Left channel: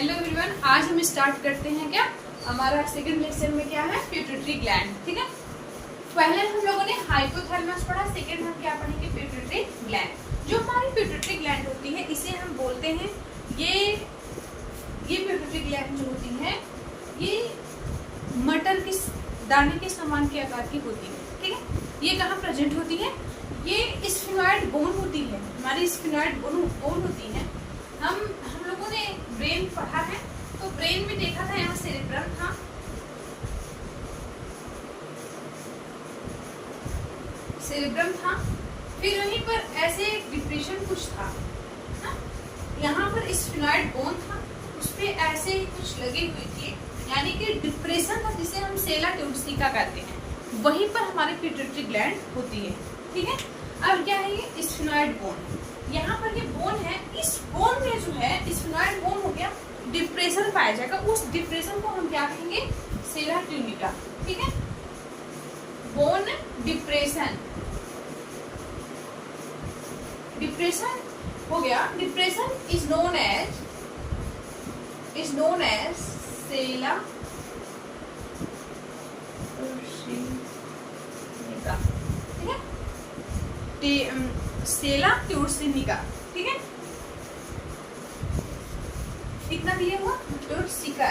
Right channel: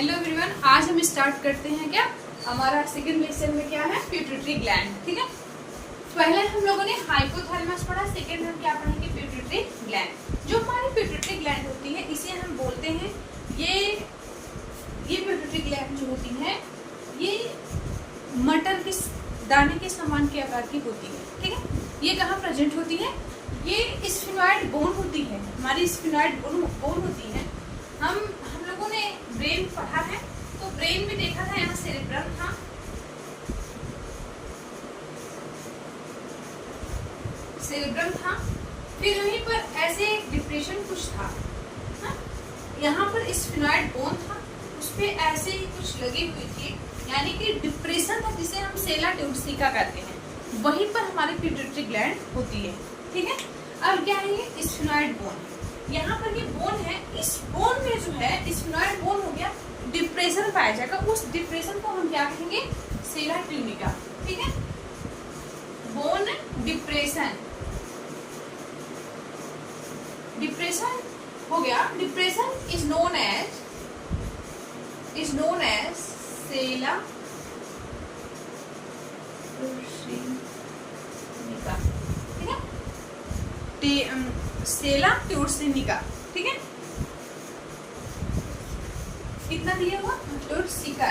Hello everyone, आज हम start करते हैं क्या हमारा सेकंड लेक्चर में क्या है पिट्यूटरी ग्लैंड। ठीक है, पहले हम लोगों ने हाइपोथैलेमस पढ़ा, सेकंड हम क्या पढ़ेंगे पिट्यूटरी ग्लैंड। जो हमारी पिट्यूटरी ग्लैंड होती है इसे हम बोलते हैं ये पिट्यूटरी ग्लैंड जो होती है ये मटर के दाने के समान के आकार की होती है। ठीक है, ये कहाँ प्रेजेंट होती है? ये स्फिनॉइड बोन होती है, हमारी स्फिनॉइड बोन होती है। हम लोगों ने ब्रेन पढ़ा है, तो ब्रेन में देखा था यहाँ सेरेब्रम था, फिर वहीं पर ऐसे डिप्रेशन कुछ था, यहाँ पर स्फिनॉइड बोन था, उसपे ऐसे ही कुछ लगे हुए थे, यानी कि डिप्रेशन था जिसे हम सेला ट्यूब्सिका कहते हैं। वहीं पर हमारी पिट्यूटरी ग्लैंड होती है। ठीक है, अब क्या है ये स्फिनॉइड बोन, यहाँ पर ये बोन है, इस बोन में जो है स्फिनॉइड बोन हो गया, डिप्रेशन पाया जाएगा, उस डिप्रेशन को हम क्या कहेंगे सेला ट्यूबिका। ठीक है, बोन डिप्रेशन हो गया, डिप्रेशन इज नोन एज सेला ट्यूबिका। ठीक है, सेला ट्यूब्सिका। ठीक है, कितना दिया हुआ ट्यूब्सिका।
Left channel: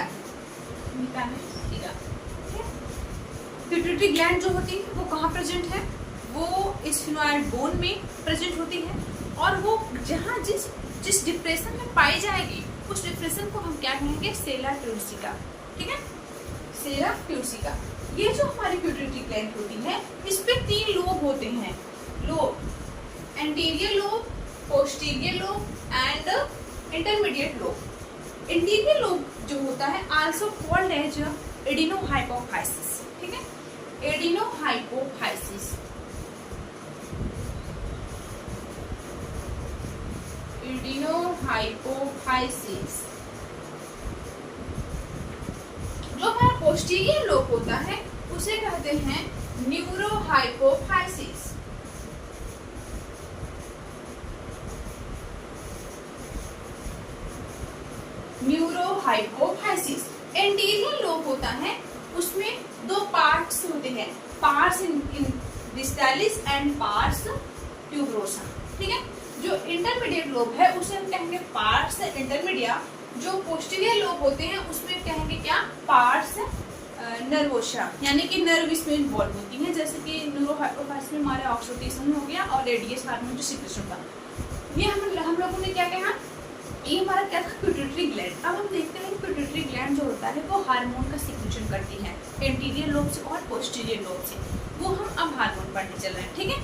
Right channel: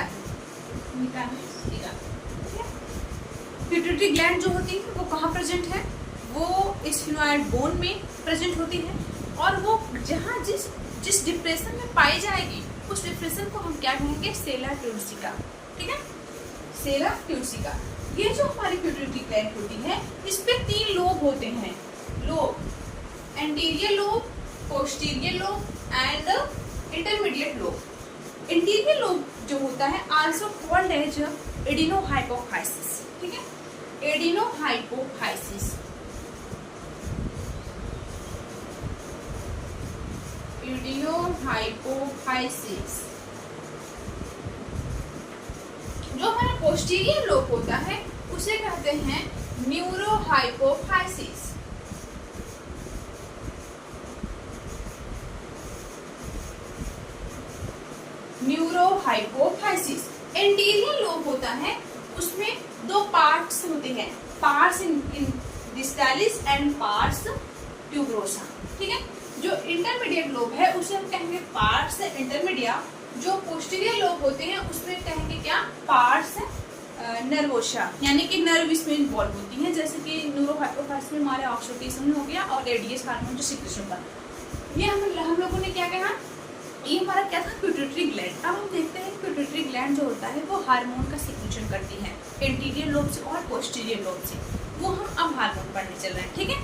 पिट्यूटरी ग्लैंड जो होती है वो कहाँ प्रेजेंट है? वो स्फिनॉइड बोन में प्रेजेंट होती है, और वो जहाँ जिस डिप्रेशन में पाई जाएगी उस डिप्रेशन को हम क्या कहेंगे सेला ट्यूब्सिका। ठीक है, सेला ट्यूब्सिका। ये जो हमारी पिट्यूटरी ग्लैंड होती है इस पे 3 लोब होते हैं, lobe anterior lobe, posterior lobe and intermediate lobe. Interior lobe जो होता है आल्सो कॉल्ड एज एडिनोहाइपोफाइसिस। ठीक है, एडिनोहाइपोफाइसिस, जो हमारा पोस्टीरियर लोब होता है उसे कहते हैं न्यूरोहाइपोफाइसिस। न्यूरोहाइपोफाइसिस। एंटीरियर लोब होता है, उसमें 2 पार्ट्स होते हैं, pars in distalis and pars tuberosa. ठीक है, जो इंटरमीडिएट लोब है उसे हम कहेंगे पार्स इंटरमीडिया। जो पोस्टीरियर लोब होते हैं उसमें कहेंगे क्या पार्स नर्वोसा, यानी कि नर्व इसमें इन्वॉल्व होती है, जैसे कि न्यूरोहाइपोफाइसिस में हमारे ऑक्सीटोसिन हो गया और रेडियस हार्मोन जो सिक्रेशन का। ये हम लोगों ने क्या कहा, ये हमारा क्या था पिट्यूटरी ग्लैंड। अब हम देखते हैं पिट्यूटरी ग्लैंड जो होता है वो हार्मोन का सिक्रेशन करती है एंटीरियर लोब से और पोस्टीरियर लोब से। वो हम अब हार्मोन पढ़ने चल रहे हैं। ठीक है,